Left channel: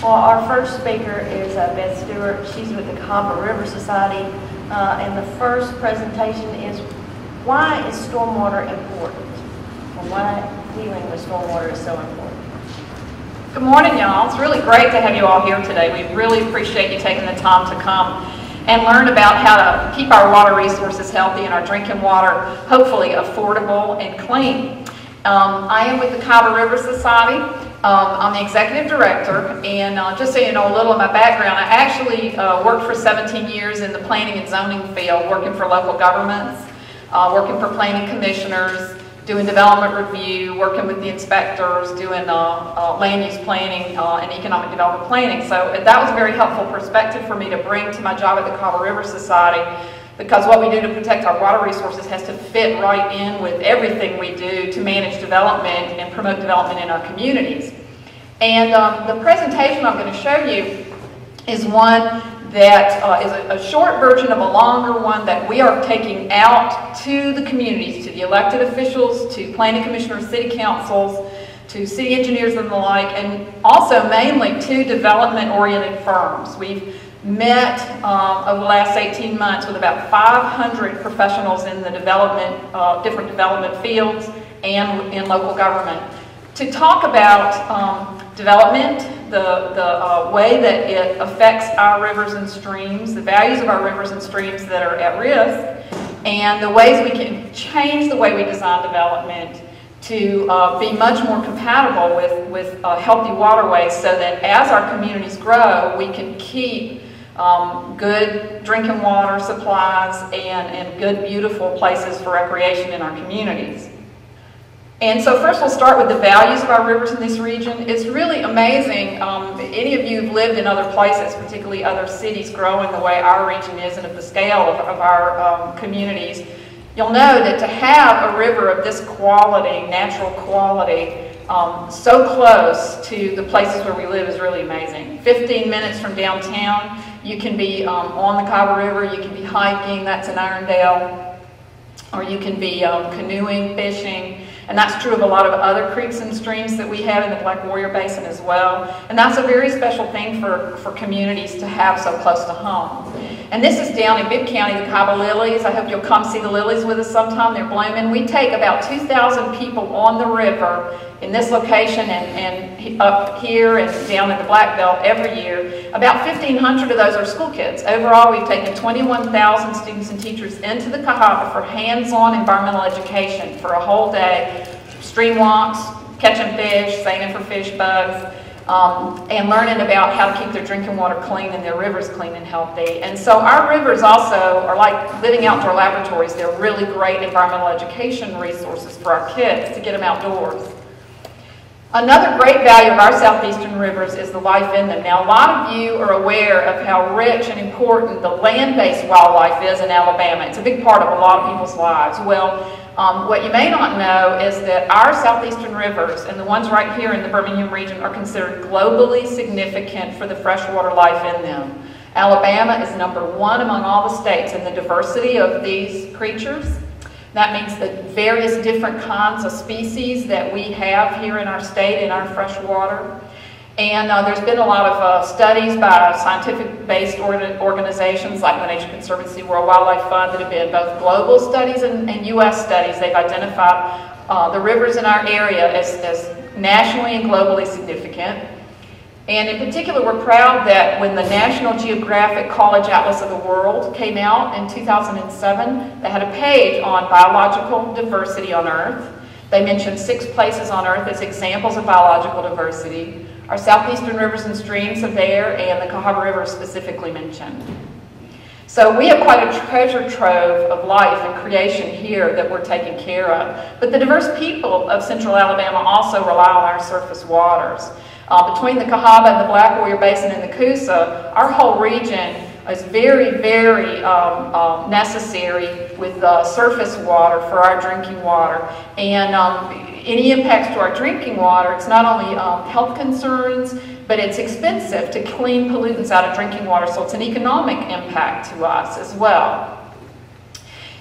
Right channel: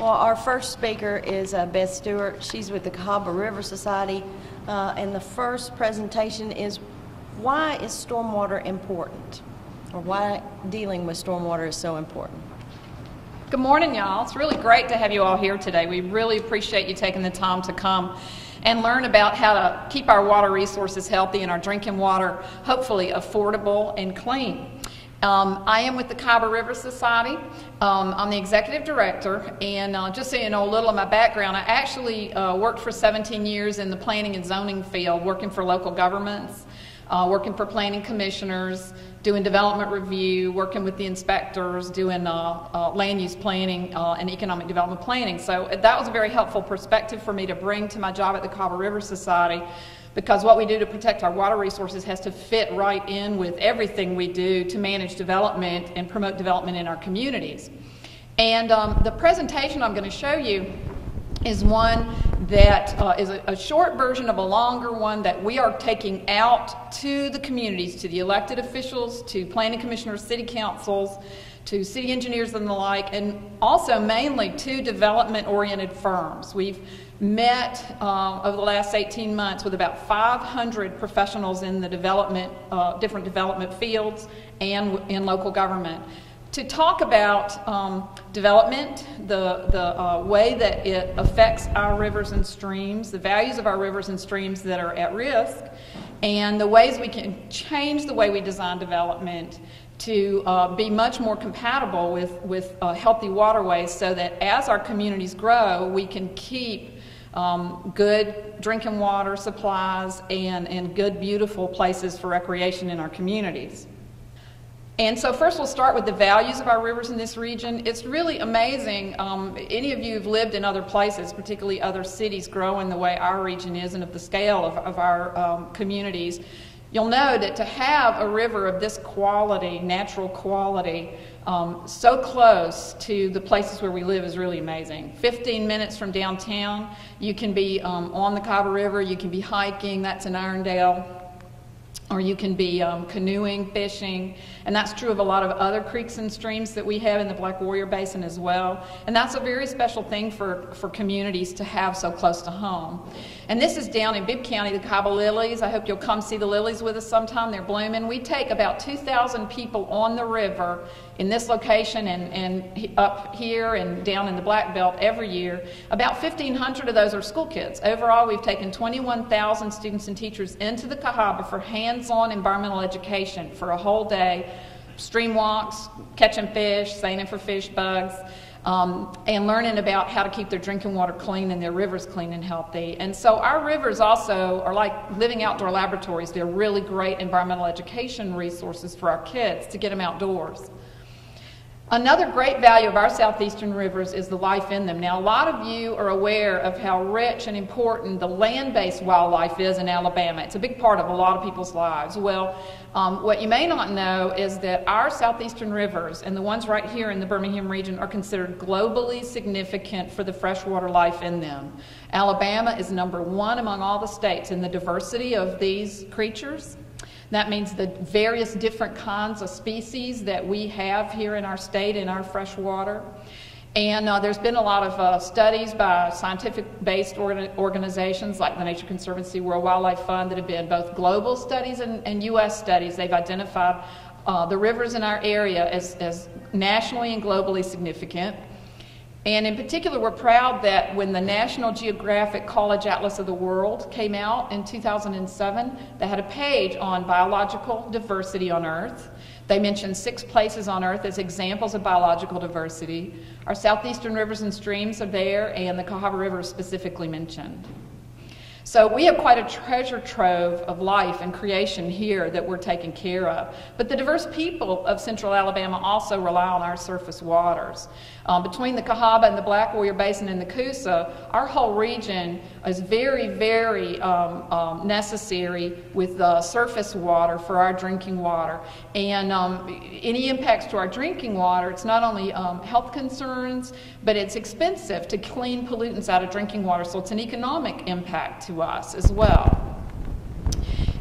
Well, our first speaker is Beth Stewart. She's with the Cahaba River Society. And the first presentation is, why is stormwater important? Or why dealing with stormwater is so important? Good morning, y'all. It's really great to have you all here today. We really appreciate you taking the time to come and learn about how to keep our water resources healthy and our drinking water, hopefully, affordable and clean. I am with the Cahaba River Society. I'm the executive director, and just so you know a little of my background, I actually worked for 17 years in the planning and zoning field, working for local governments, working for planning commissioners, doing development review, working with the inspectors, doing land use planning and economic development planning. So that was a very helpful perspective for me to bring to my job at the Cahaba River Society, because what we do to protect our water resources has to fit right in with everything we do to manage development and promote development in our communities. And the presentation I'm going to show you is one that is a short version of a longer one that we are taking out to the communities, to the elected officials, to planning commissioners, city councils, to city engineers and the like, and also mainly to development-oriented firms. We've met over the last 18 months with about 500 professionals in the different development fields and in local government to talk about development, the way that it affects our rivers and streams, the values of our rivers and streams that are at risk, and the ways we can change the way we design development to be much more compatible with healthy waterways, so that as our communities grow, we can keep good drinking water supplies and good, beautiful places for recreation in our communities. And so first we'll start with the values of our rivers in this region. It's really amazing. Any of you who've lived in other places, particularly other cities growing the way our region is and at the scale of our communities, you'll know that to have a river of this quality, natural quality, so close to the places where we live is really amazing. 15 minutes from downtown, you can be on the Cahaba River, you can be hiking, that's in Irondale, or you can be canoeing, fishing, and that's true of a lot of other creeks and streams that we have in the Black Warrior Basin as well. And that's a very special thing for communities to have so close to home. And this is down in Bibb County, the Cahaba lilies. I hope you'll come see the lilies with us sometime. They're blooming. We take about 2,000 people on the river in this location and up here and down in the Black Belt every year. About 1,500 of those are school kids. Overall, we've taken 21,000 students and teachers into the Cahaba for hands-on environmental education for a whole day. Stream walks, catching fish, singing for fish bugs, and learning about how to keep their drinking water clean and their rivers clean and healthy. And so our rivers also are like living outdoor laboratories. They're really great environmental education resources for our kids to get them outdoors. Another great value of our southeastern rivers is the life in them. Now, a lot of you are aware of how rich and important the land-based wildlife is in Alabama. It's a big part of a lot of people's lives. Well, what you may not know is that our southeastern rivers, and the ones right here in the Birmingham region, are considered globally significant for the freshwater life in them. Alabama is #1 among all the states in the diversity of these creatures. That means the various different kinds of species that we have here in our state in our fresh water. And there's been a lot of studies by scientific-based organizations like the Nature Conservancy, World Wildlife Fund, that have been both global studies and U.S. studies. They've identified the rivers in our area as nationally and globally significant. And in particular, we're proud that when the National Geographic College Atlas of the World came out in 2007, they had a page on biological diversity on Earth. They mentioned 6 places on Earth as examples of biological diversity. Our southeastern rivers and streams are there, and the Cahaba River is specifically mentioned. So we have quite a treasure trove of life and creation here that we're taking care of. But the diverse people of central Alabama also rely on our surface waters. Between the Cahaba and the Black Warrior Basin and the Coosa, our whole region is very, very necessary with surface water for our drinking water. And any impacts to our drinking water, it's not only health concerns, but it's expensive to clean pollutants out of drinking water, so it's an economic impact to us as well.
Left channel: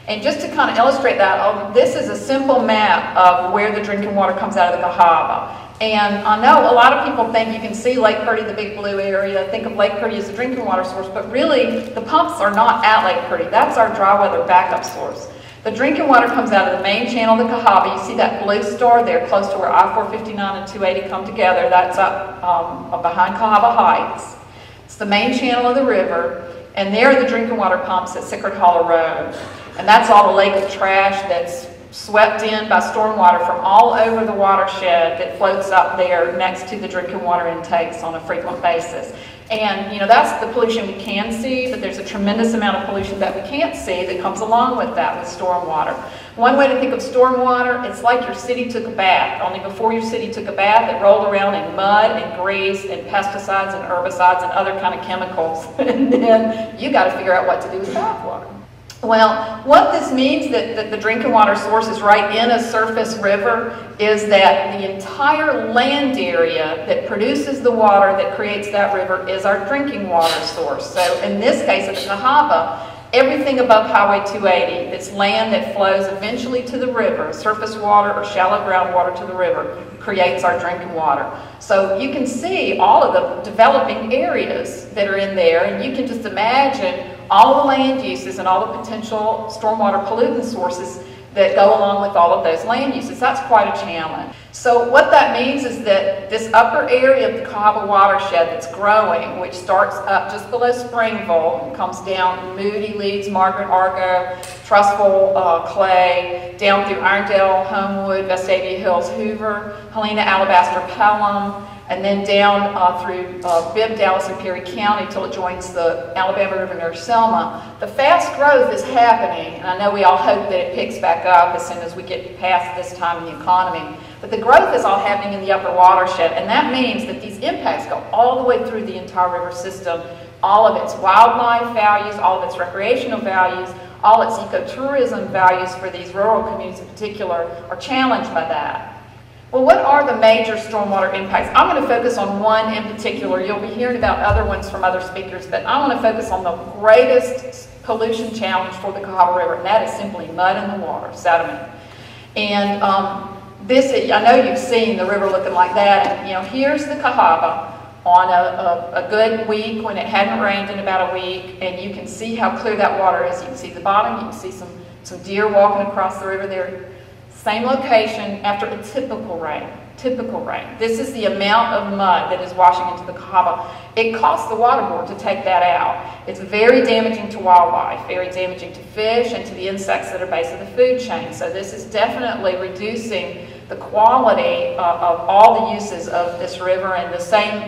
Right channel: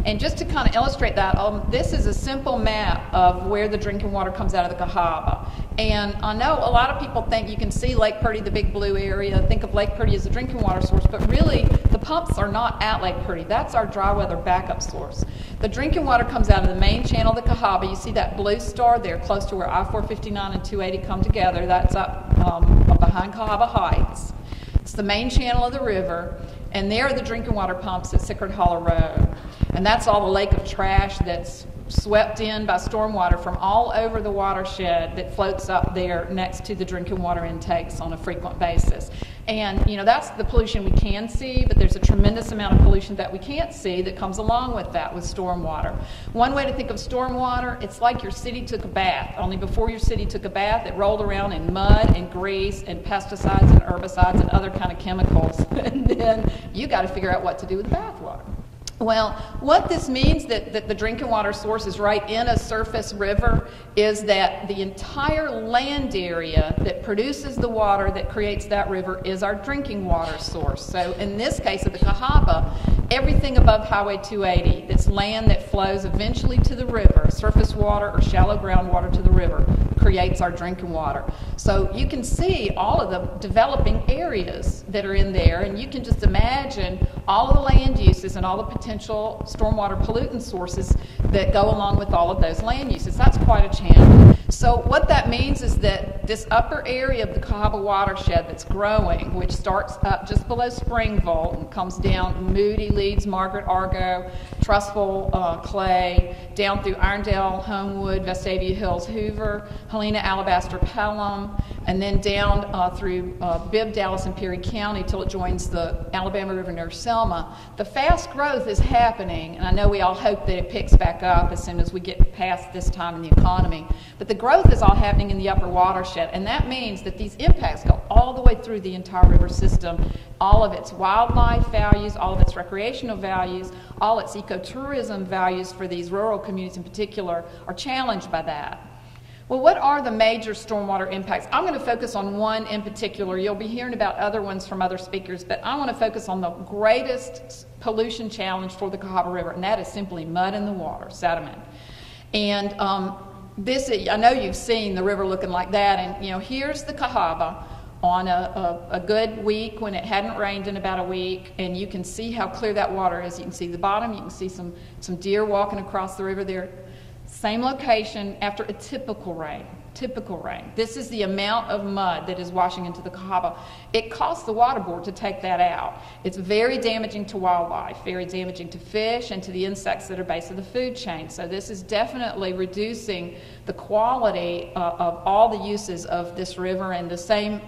And just to kind of illustrate that, this is a simple map of where the drinking water comes out of the Cahaba. And I know a lot of people think you can see Lake Purdy, the big blue area, think of Lake Purdy as a drinking water source, but really the pumps are not at Lake Purdy. That's our dry weather backup source. The drinking water comes out of the main channel of the Cahaba. You see that blue star there close to where I-459 and 280 come together. That's up behind Cahaba Heights. It's the main channel of the river, and there are the drinking water pumps at Sickard Hollow Road. And that's all the lake of trash that's swept in by stormwater from all over the watershed that floats up there next to the drinking water intakes on a frequent basis. And, you know, that's the pollution we can see, but there's a tremendous amount of pollution that we can't see that comes along with that, with stormwater. One way to think of stormwater, it's like your city took a bath, only before your city took a bath, it rolled around in mud and grease and pesticides and herbicides and other kind of chemicals. And then you got to figure out what to do with that water. Well, what this means that the drinking water source is right in a surface river is that the entire land area that produces the water that creates that river is our drinking water source. So in this case of the Cahaba, everything above Highway 280, this land that flows eventually to the river, surface water or shallow groundwater to the river, creates our drinking water. So you can see all of the developing areas that are in there, and you can just imagine all the land uses and all the potential stormwater pollutant sources that go along with all of those land uses. That's quite a challenge. So what that means is that this upper area of the Cahaba watershed that's growing, which starts up just below Springville, comes down Moody, Leeds, Margaret, Argo, Trustful, Clay, down through Irondale, Homewood, Vestavia Hills, Hoover, Helena, Alabaster, Pelham, and then down through Bibb, Dallas, and Perry County till it joins the Alabama River near Selma. The fast growth is happening, and I know we all hope that it picks back up as soon as we get past this time in the economy. But the growth is all happening in the upper watershed, and that means that these impacts go all the way through the entire river system. All of its wildlife values, all of its recreational values, all its ecotourism values for these rural communities in particular are challenged by that. Well, what are the major stormwater impacts? I'm going to focus on one in particular. You'll be hearing about other ones from other speakers, but I want to focus on the greatest pollution challenge for the Cahaba River, and that is simply mud in the water, sediment. And I know you've seen the river looking like that, and you know, here's the Cahaba on a good week when it hadn't rained in about a week, and you can see how clear that water is. You can see the bottom, you can see some deer walking across the river there. Same location after a typical rain. Typical rain. This is the amount of mud that is washing into the Cahaba. It costs the water board to take that out. It's very damaging to wildlife, very damaging to fish and to the insects that are based in the food chain. So this is definitely reducing the quality of all the uses of this river, and the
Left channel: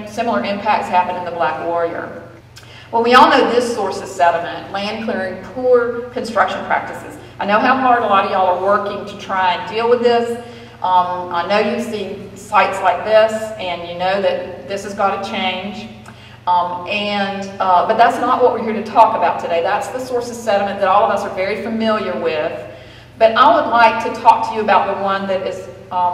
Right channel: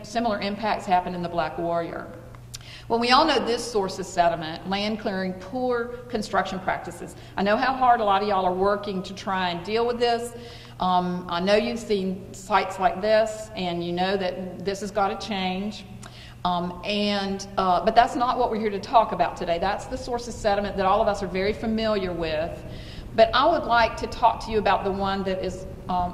similar impacts happen in the Black Warrior. Well, we all know this source of sediment, land clearing, poor construction practices. I know how hard a lot of y'all are working to try and deal with this. I know you've seen sites like this, and you know that this has got to change. But that's not what we're here to talk about today. That's the source of sediment that all of us are very familiar with. But I would like to talk to you about the one that is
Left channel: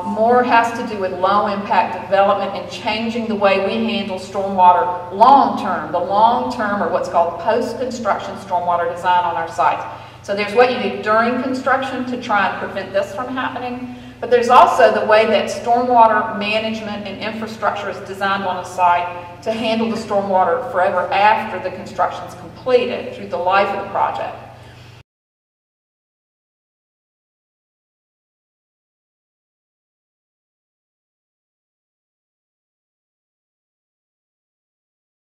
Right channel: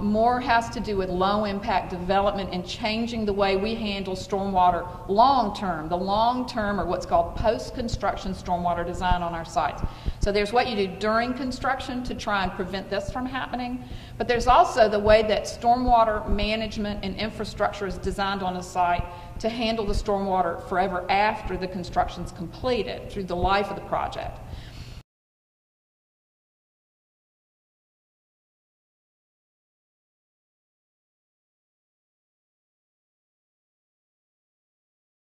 more has to do with low impact development and changing the way we handle stormwater long term. The long term, or what's called post-construction stormwater design on our sites. So there's what you do during construction to try and prevent this from happening, but there's also the way that stormwater management and infrastructure is designed on a site to handle the stormwater forever after the construction is completed through the life of the project.